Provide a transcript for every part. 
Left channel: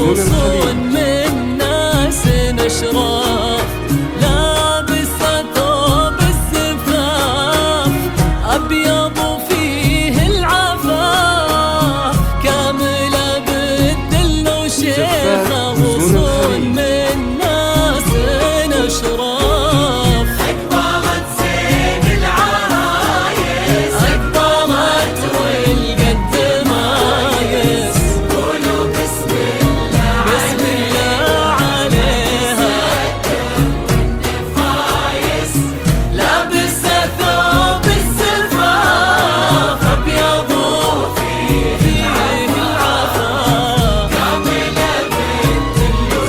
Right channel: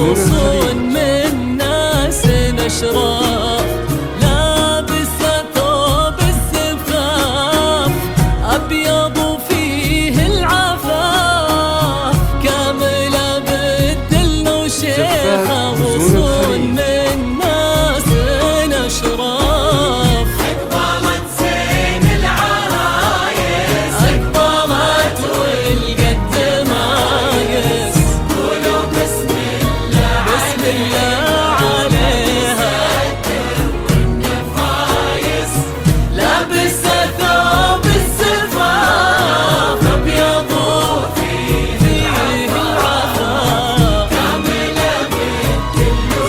وصون من ناس أشراف، لابسة ثوب الزفاف أبيض وفيه العفاف، كاملة بالدل وشيخة وصون من ناس أشراف. أقبلت زين العرايس، أقبلت والقد مايس، قولوا بسم الله بسم الله عليها والنفايس، لابسة ثوب الزفاف أبيض وفيه العفاف،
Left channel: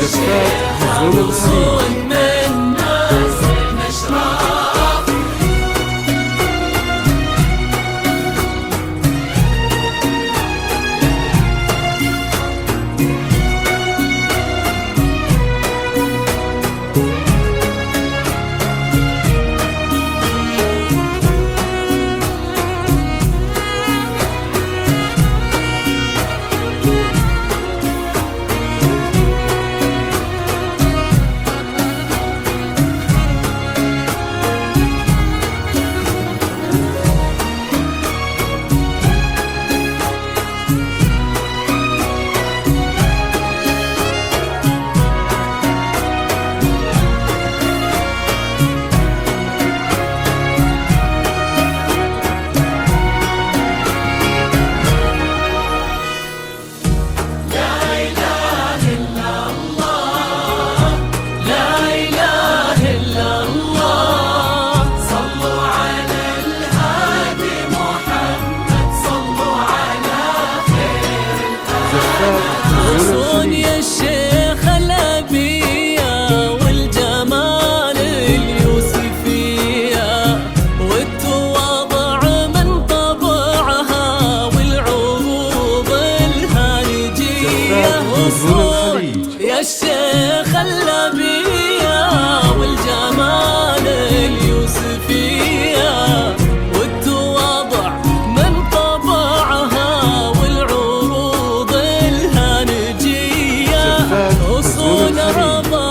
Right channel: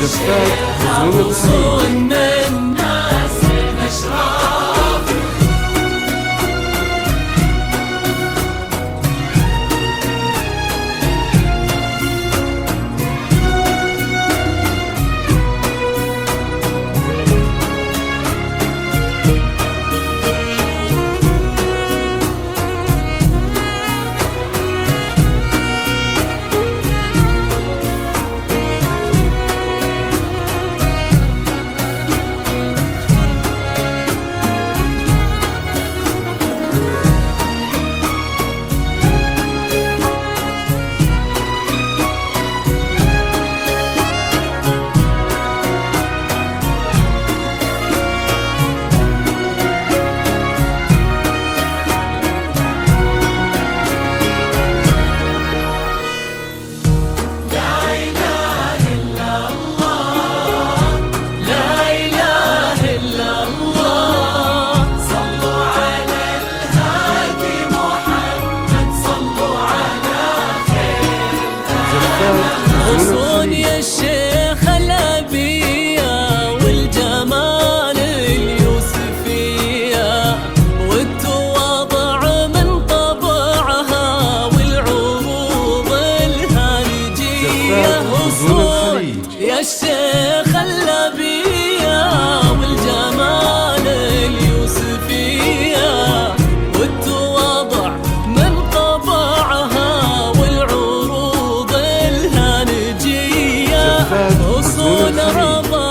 زفاف حزون وصون من ناس أشراف. لا إله إلا الله، صلوا على الهادي محمد، صلوا على زفاف حزون غصون يا الشيخ الأبية والجمال اليوسفية، والتواضع من طبعها والعروض الهالجية. زفاف حزون غصون الخليج. يا الشيخ الأبية والجمال اليوسفية، والتواضع من طبعها والعروض الهانجية. زفاف حزون أصول الخليج. رضا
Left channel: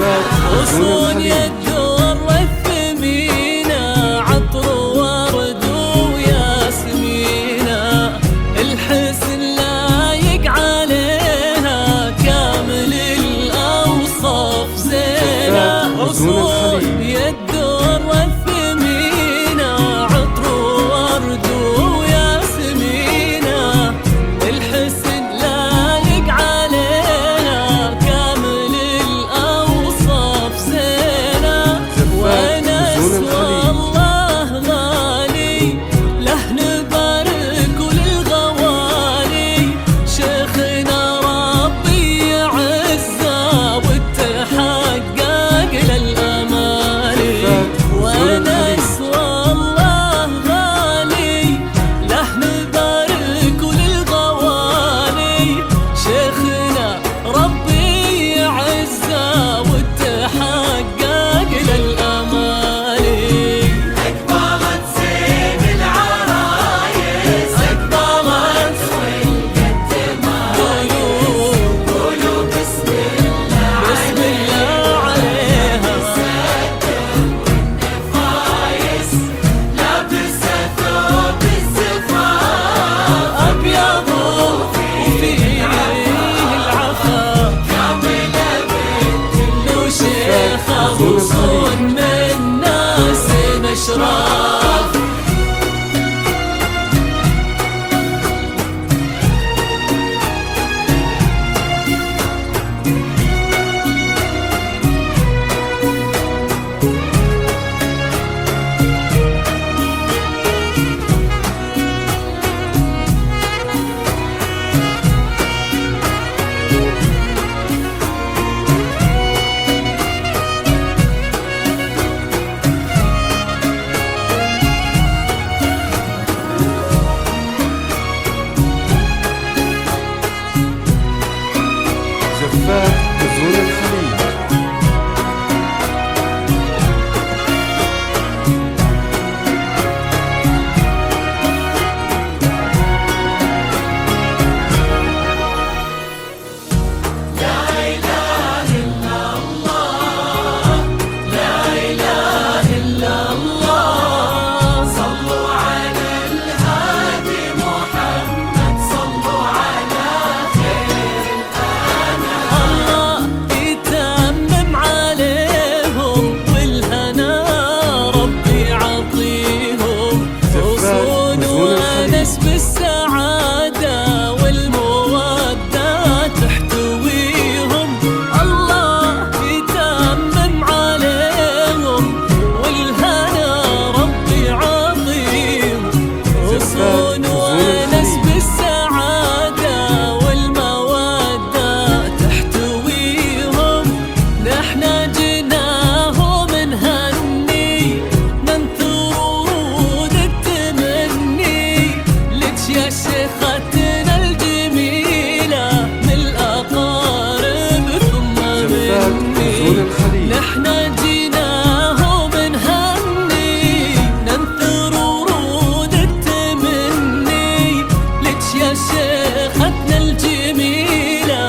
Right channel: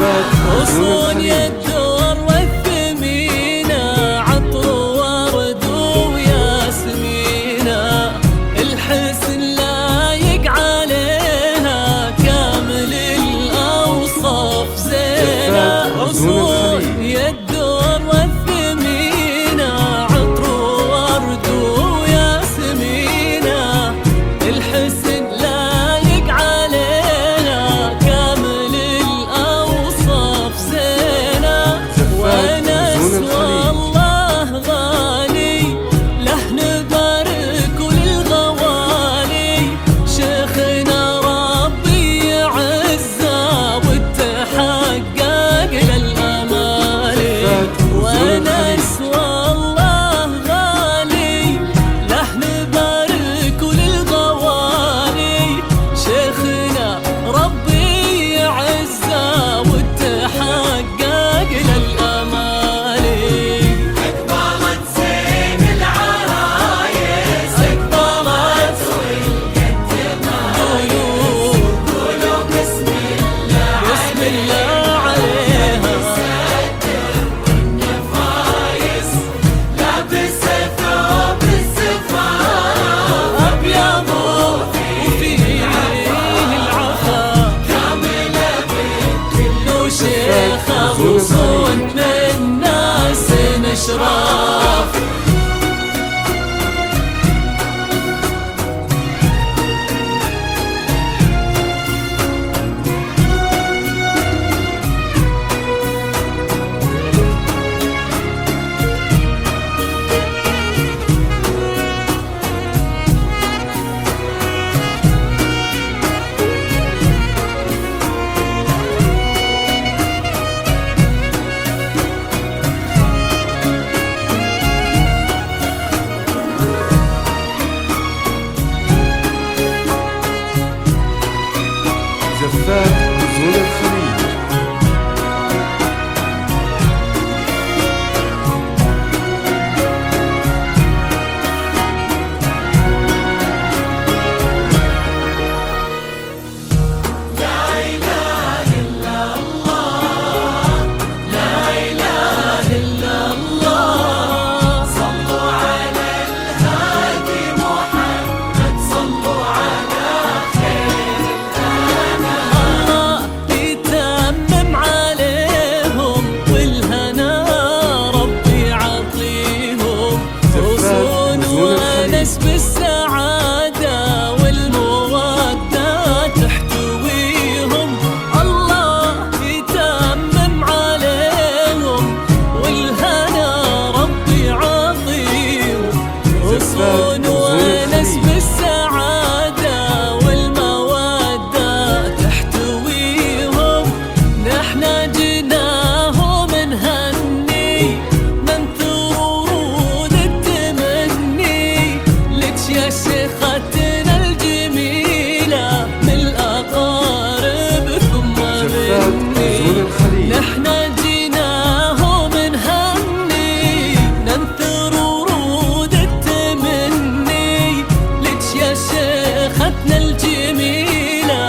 غصون الدر الثمينة عطر ورد وياسمينة الحسن لايق عليها كامل الأوصاف زينة غصون الدر الثمينة عطر ورد وياسمينة الحسن لايق عليها كامل الأوصاف زينة ونس والله غالي له نبارك وللغوالي شيخنا ربي يعزه وتحقق للأمالي ونس والله غالي له نبارك وللغوالي شيخنا ربي يعزه وتحقق للأمالي أقبلت زين العرايس أقبلت قولوا بسم الله بسم الله عليها فايز لابس ثوب الزفاف أبيض وفيه العفا لو شيخة غصون من ناس نشراف زفات غزون الخليج. لا إله إلا الله صلوا على الهادي محمد صلوا على الله يتمم عليهم والهنا ربي يعطيهم غصون ونس بالسعادة والمودة تحتويهم الله يتمم عليهم والهنا ربي يعطيهم غصون ونس بالسعادة والمودة تحتويهم نحنا جناهم نهني ننثر ورود التمني لك يا شيختنا الجميلة من الأقارب ثم مني نحنا جناهم نهني ننثر ورود التمني لك يا شيختنا الجميلة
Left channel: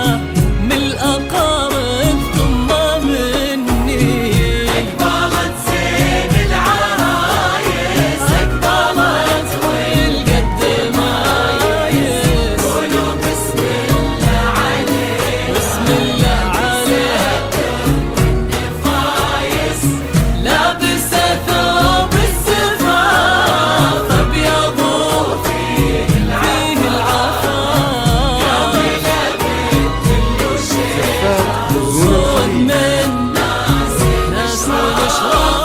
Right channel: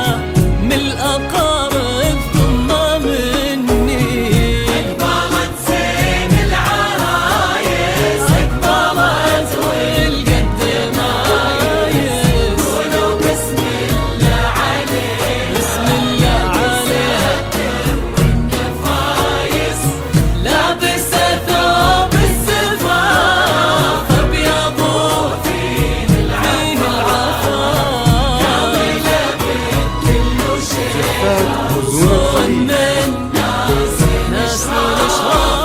من الأقارب ثم مني أقبلت زين العرايس أقبلت والقد مايس قولوا بسم الله عليه بسم الله عليها فايز لابسة ثوب الزفاف أبيض فيه العفاف زفات غزون الخليج. من ناس الإشراف